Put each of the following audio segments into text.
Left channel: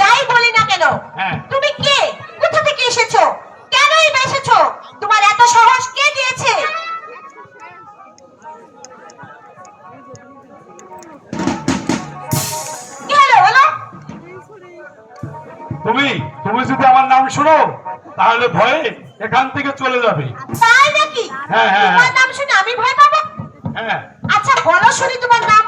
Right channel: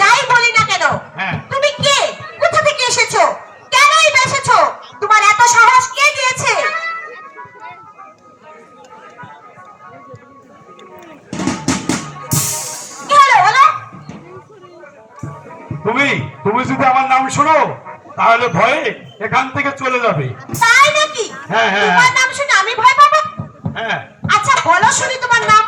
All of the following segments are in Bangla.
যাই বলি না কেন, তুমি কে, কোথা থেকে এসেছো, কেনই এসেছো, তোমার এত সাহস কে দিয়েছে? কি হলো বলো? তুমি যদি আমার নাম শোনো তাহলে ভয়ে এখান থেকে চলে যাবে। তাই নাকি? তোমার নাম শুনে আমি ভয় পাবো? আচ্ছা বলো শুনি তোমার নাম।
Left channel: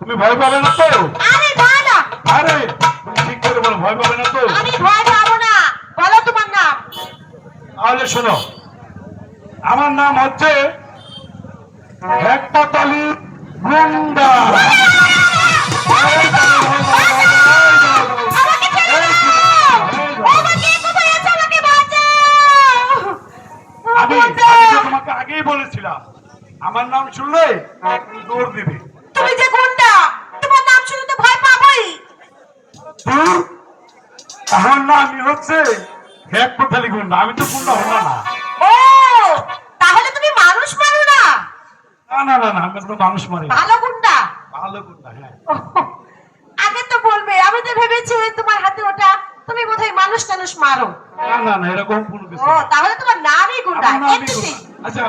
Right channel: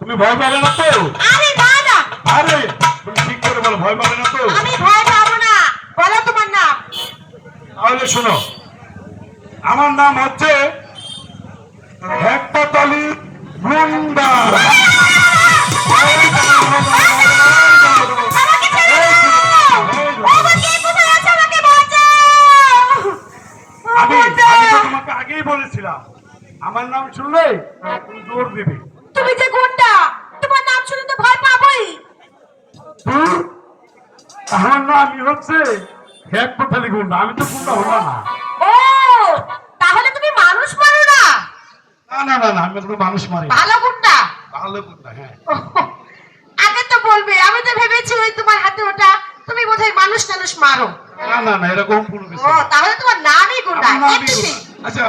তুমি ভয় পাবে না তো? আরে না না, আরে তুমি ঠিক করে বলো, ভয় পাবে না তো? আমি ভয় পাবো না, বলো তোমার নাম। তাহলে শোনো, আমার নাম হচ্ছে হেকপাতালি গুন্ডা। আমি তোমাকে আগেই বলেছিলাম আমার নাম শুনলে তুমি দৌড় দিবে। তুমি যে গুন্ডা, তোমার নাম শুনে তো ভয় পাবোই। আমার নাম হচ্ছে হেকপাতালি গুন্ডা, আমি তো গুন্ডা হলাম না। ও তাহলে তুমি মানুষ মারো না? না না না, আমি তো মানুষ মারি। ভালো গুন্ডা? ভালো গুন্ডা, হ্যাঁ। আগে তো বলবে, আমি তো ভেবেছি ওই তোমার হাতে ওটা তুমি বোধহয় মানুষ টানুষ মারো। না না না, এরকম কোনো কিছু না। তাহলে তোমার নামই গুন্ডা। আচ্ছা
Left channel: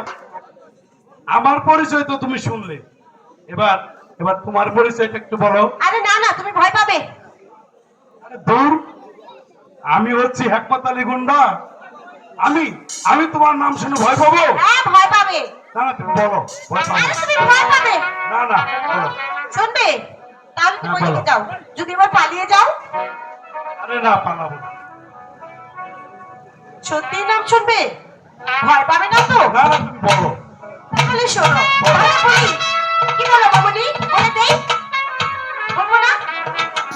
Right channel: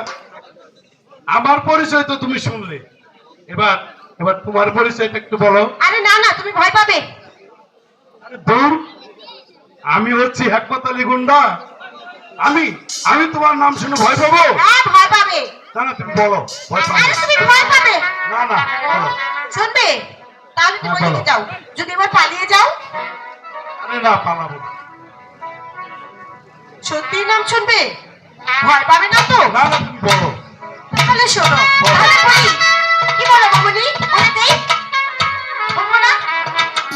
আমার পরিচয় তো তুমি শুনলে, এবার এবার তোমার পরিচয়টা একটু বলো। আরে না না, তুমি ভয় পাবে। আরে দূর, আমি হচ্ছি হেকপাতালি গুন্ডা। আমি আমি তোমার নাম শুনে ভয় পাবো? হ্যাঁ ভয় পাবে। না না তুমি বলো, ভয় পাবো। আরে তুমি ভয় পাবে না না, বলো। শুনবে? তাহলে তুমি ওইদিকে যাও, যদি এবার পালিয়ে যাও। আরে না, পালাবো। সত্যি নাম শুনবে? ভয় পাবে না তো? না না, তুমি বলো। তাহলে শোনো, তাহলে বলি। কি বলো মামুনি? বলে দেই? বলবো না?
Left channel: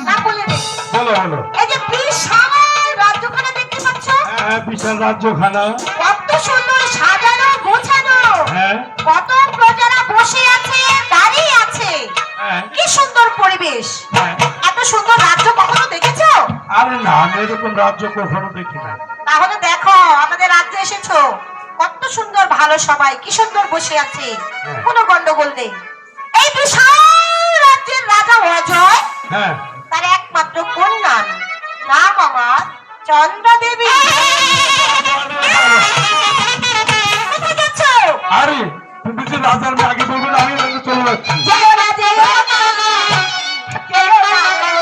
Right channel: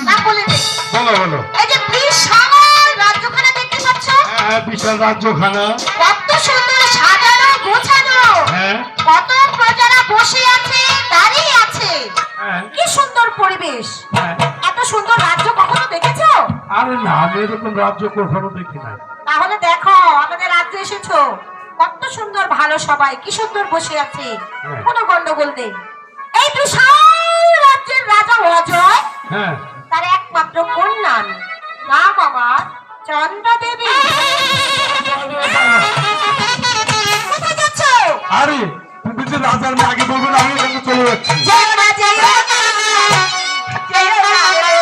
না বলে দেই। বলো বলো। এই যে বিশাল রাজ্যখানা দেখতে পাচ্ছ? হ্যাঁ, বিশাল রাজ্যখানা। কত সুন্দর সাজানো গোছানো। হ্যাঁ কত প্রজারা বসে আছে, দাঁড়িয়ে আছে। হ্যাঁ কি সুন্দর পরিবেশ। হ্যাঁ। এত সুন্দর রাজ্য কখনো দেখেছো? আরে না, আমি এরকম রাজ্য কখনো দেখি নাই। তাহলে দেখো, আমাদের রাজ্যে এসেছো। কত সুন্দর, ভালো সবাই কি সুন্দর বসে আছে। হ্যাঁ। কোনো গন্ডগোল নেই। এই বিশাল রাজ্যের রাজা অজয়, হ্যাঁ তার একমাত্র কন্যা, নাম আমার চন্দ্রা দেবী। কোথায় যাচ্ছ? আরে তুমি যে রাজার আগে বলবে না, আমি ওখানে চলে যাচ্ছি। যে